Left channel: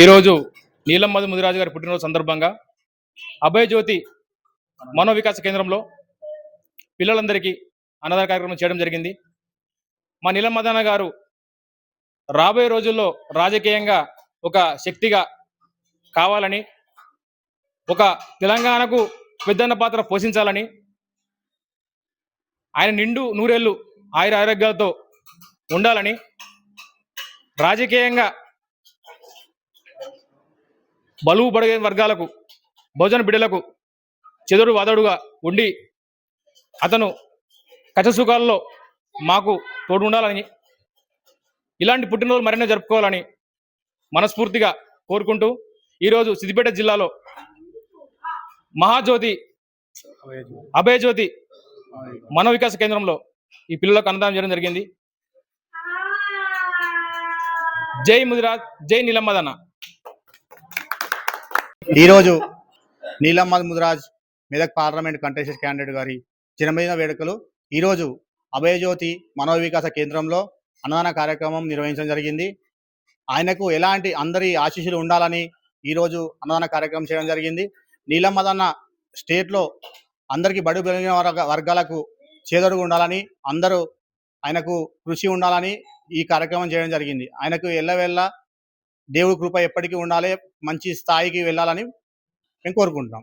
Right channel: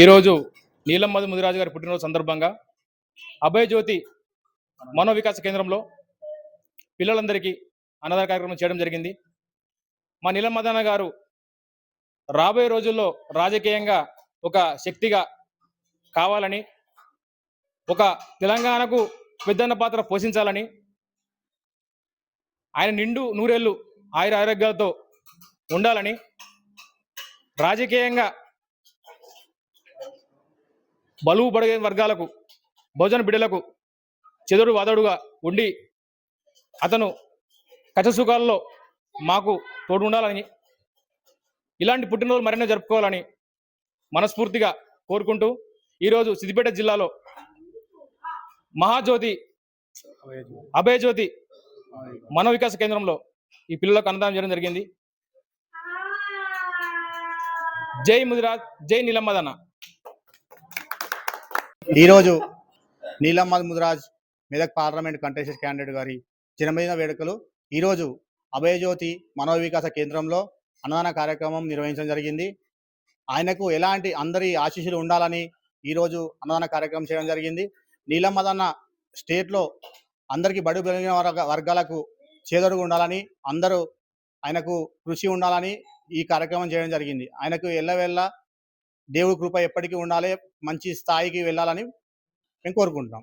ఈరోజు నీలమ్మది ముదిరాజు గారి పుట్టినరోజు సందర్భంగా అభయజ్యోతి మనోవికాస కేంద్రంలో పిల్లలందరికీ అన్నదాన కార్యక్రమం చేయడం జరిగింది. మా నీలమ్మదన్న గారు రాబోయే రోజుల్లో రాజకీయంగా ఒక శక్తిగా కావాలని, ఒక తెలంగాణకు పెద్దన్న పాత్ర పోషించాలని, ఆయన నిండు నూరేళ్లు ఆయుర ఆరోగ్యాలతో ఉండాలని, రాజకీయంగా బలువు బడిగే వర్గాలకు, భోజన బిడ్డలకు చెదురు వాదడుగా ఉండి అతను కష్టసుఖాల్లో మాకు తోడు ఉండాలని, ఇలాంటి పుట్టినరోజులు మరెన్నో జరుపుకోవాలని మనస్ఫూర్తిగా కోరుకుంటూ ఈరోజు సిద్దిపేట జిల్లాలో మహాజ్యోతి అభయజ్యోతి మనోవికాస కేంద్రంలో ఈ పిల్లలకు అన్నదానం చేయడం జరిగింది. జై ముదిరాజ్, జై నీలమ్మదన్న. ఈరోజు నీలమ్మది Mudiraj Medak parliament contested candidate గారి జన్మదిన వేడుకలు ఈరోజు అభయజ్యోతి మనోవికాస కేంద్రంలో అన్నదాన కార్యక్రమం నిర్వహించడం జరిగింది. ఆయనకు ఎలాంటి అందరి ఆశీస్సులు ఉండాలని ఈరోజు అన్నదాన కార్యక్రమం చేయడం జరిగింది. నీలమ్మదన్న స్టేట్లో అందరికీ బడుగు బలహీన వర్గాలకు చేదోడుగా ఉండాలని, అందరూ ఆయనకు కృషి ఉండాలని ఈ కార్యక్రమం చేయడం జరిగింది. ఆయనకు ఎల్లవెల్ల దేవుడి కృప ఎప్పటికీ ఉండాలి, మంచి స్థాయికి వెళ్ళాలని మేము కోరుకుంటున్నాం.